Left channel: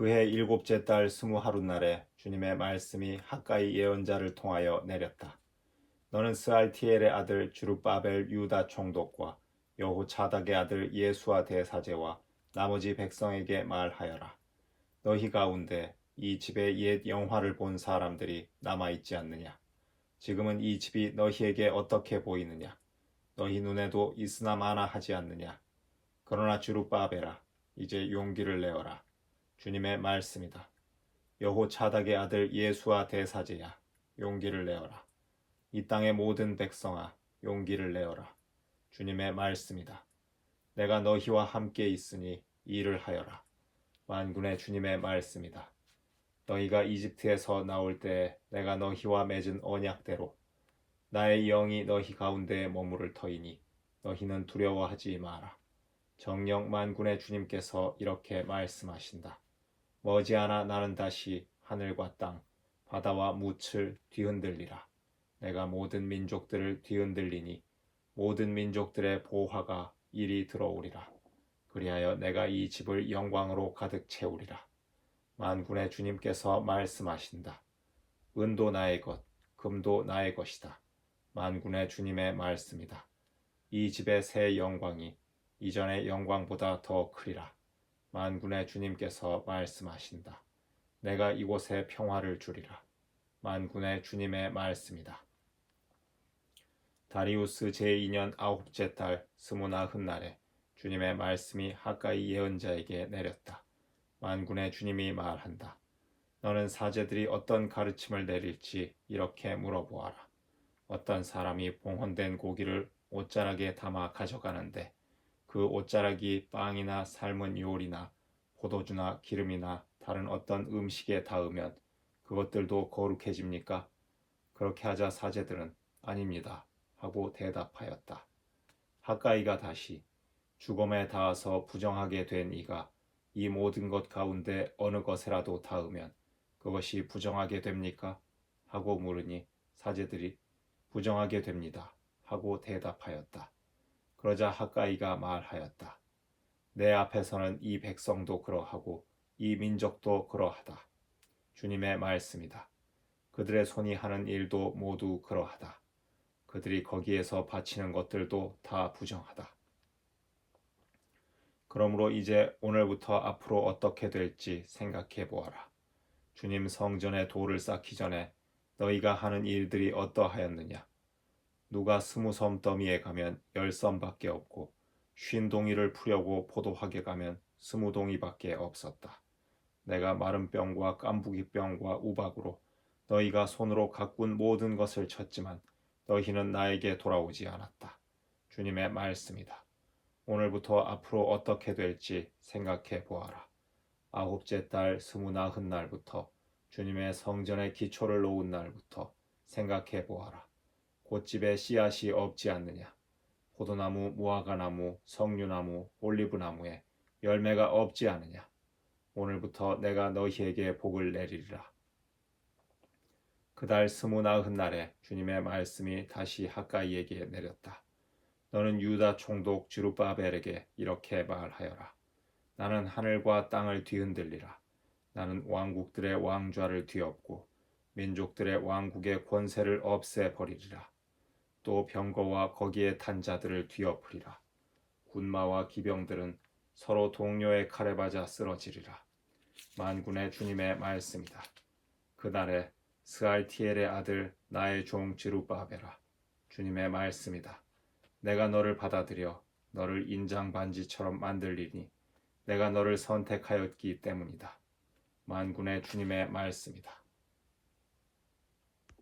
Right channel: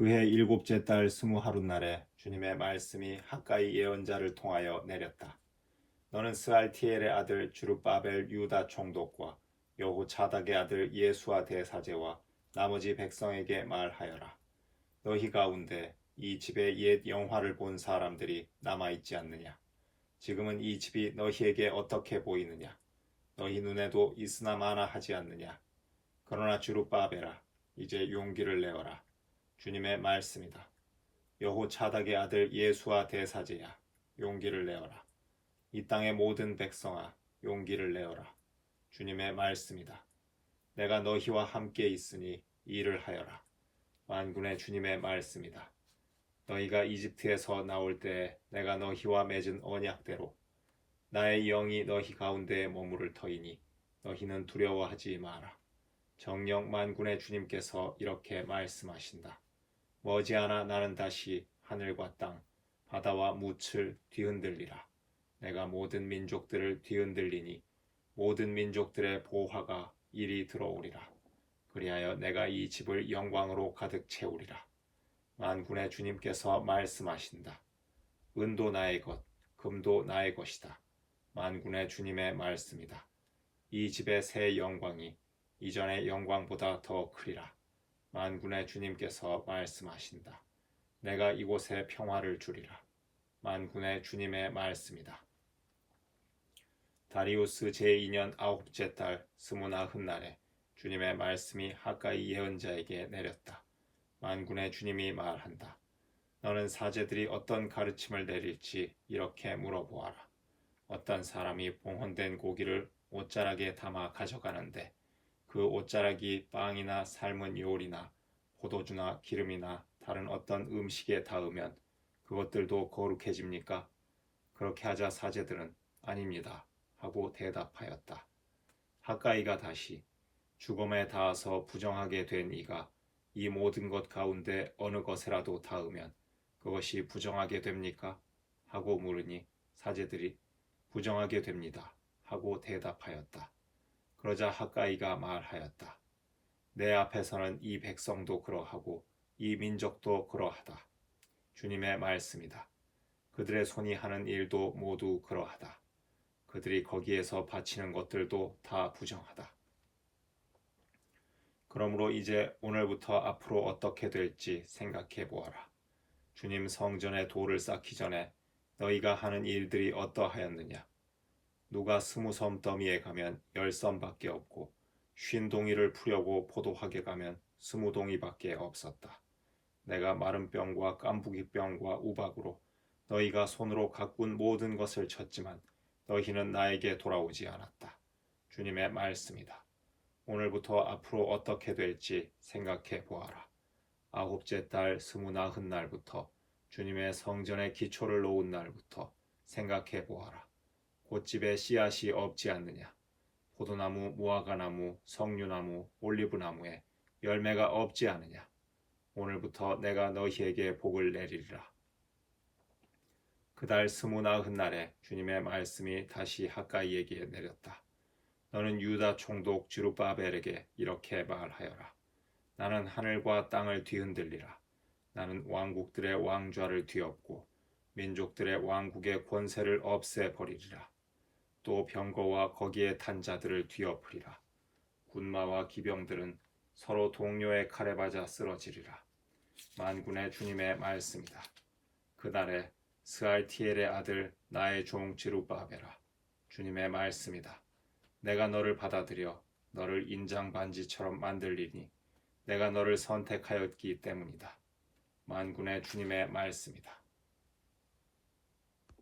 그해 일곱째 달 스무 하루 날에 주님의 말씀이 학가이 예언자를 통하여 내렸다. 너는 스알티엘의 아들 주룹바벨 유다 총독과 여호차닥의 아들 예수아 대사제와 나머지 백성에게 말하여라. 너희 가운데 이 집에 옛 영화를 본 사람들이 남아 있지 않느냐? 지금은 이 집이 너희에게 어떻게 보이느냐? 너희 눈에도 있으나 마나 하지 않느냐? 그러나 주룹바벨아 이제 용기를 내어라. 주님의 말씀이다. 여호차닥의 아들 예수와 대사제야 용기를 내어라. 이 땅의 모든 백성아 용기를 내어라. 주님의 말씀이다. 내가 너희와 함께 있으니 일을 하여라. 만군의 주님의 말씀이다. 너희가 이집트에서 나올 때 내가 너희와 맺은 언약대로 나의 영이 너희 가운데에 머무를 터이니 너희는 두려워하지 마라. 정령 만군의 주님께서 이렇게 말씀하신다. 머지않아 나는 다시 하늘과 땅, 바다와 묻을 뒤흔들리라. 내가 모든 민족들을 뒤흔들리니 모든 민족들의 보화가 이리 들어오리라. 그리하여 내가 이 집을 영광으로 가득 채우리라. 만군의 주님께서 말씀하신다. 은도 나의 것, 금도 나의 것이다. 만군의 주님의 말씀이다. 이 집의 새 영광이 이전의 영광보다 더 크리라. 만군의 주님께서 말씀하신다. 내가 이곳에 평화를 주리라. 만군의 주님의 말씀이다. 다리우스 제2년 아홉째 달 스무나흔 날에 주님의 말씀이 하가이 예언자에게 내렸다. 만군의 주님이 말한다. 너는 사제들이 어떤 가르침을 내릴지 이렇게 물어보아라. 어떤 사람이 봉헌된 고기를 옷자락에 담아 가져가는데 그 옷자락이 빵이나 삶은 요리나 포도주나 기름이나 다른 어떤 음식에 닿으면 그것들도 거룩해집니까? 그렇게 하자 사제들은 아닙니다. 하고 대답하였다. 하가이가 다시 죽음에 닿아서 부정하게 된 이가 이 모든 것 가운데 어느 것에라도 닿으면 그것이 부정하게 됩니까? 하고 물으니 사제들이 부정하게 됩니다. 하고 대답하였다. 그러자 하가이가 말하였다. 내 앞에서는 이 백성도 그러하고 이 민족도 그러하다. 주님의 말씀이다. 그들의 손이 하는 일도 모두 그러하다. 그들이 거기에서 바치는 것들도 다 부정하다. 그러므로 이제 오늘부터 앞으로 어떻게 될지 생각해 보아라. 주님 성전에 돌을 쌓기 전에 너희가 하는 일들이 어떠하였느냐? 누가 스무 섬 더미에 가면 열 섬밖에 없고 쉰 동이를 풀려고 포도하게 가면 스무 동이밖에 없었다. 내가 마른 병과 깐부기 병과 우박으로 너희가 손으로 가꾼 모든 것을 쳤지만 너희는 나에게 돌아오지 않았다. 주님의 말씀이다. 오늘부터 앞으로 어떻게 될지 생각해 보아라. 아홉째 달 스무나흔 날부터 주님의 성전의 기초를 놓은 날부터 생각해 보아라. 꽃집에 씨앗이 없지 않느냐? 포도나무, 무화과나무, 석류나무, 올리브나무에 열매가 없지 않느냐? 오늘부터 내가 너희에게 복을 내리리라. 그달 스무나흔 날에 주님의 말씀이 다시 하가이에게 내렸다. 너는 유다 총독 주루바벨에게 이렇게 말하여라. 나는 하늘과 땅을 뒤흔들리라. 나는 왕국들의 왕좌를 뒤엎고 민족들의 왕국의 권세를 없애버리리라. 또 병거와 거기에 탄 자들을 뒤엎으리라. 군마와 기병들은 서로 동료의 칼에 맞아 쓰러지리라. 만군의 주님의 말씀이다. 그날에 스알티엘의 아들 나의 종 지루바베라. 주님의 말씀이다. 내가 너를 받아들여 너를 인장 반지처럼 만들리니 내가 너를 선택하였기 때문이다. 만군의 주님의 말씀이다.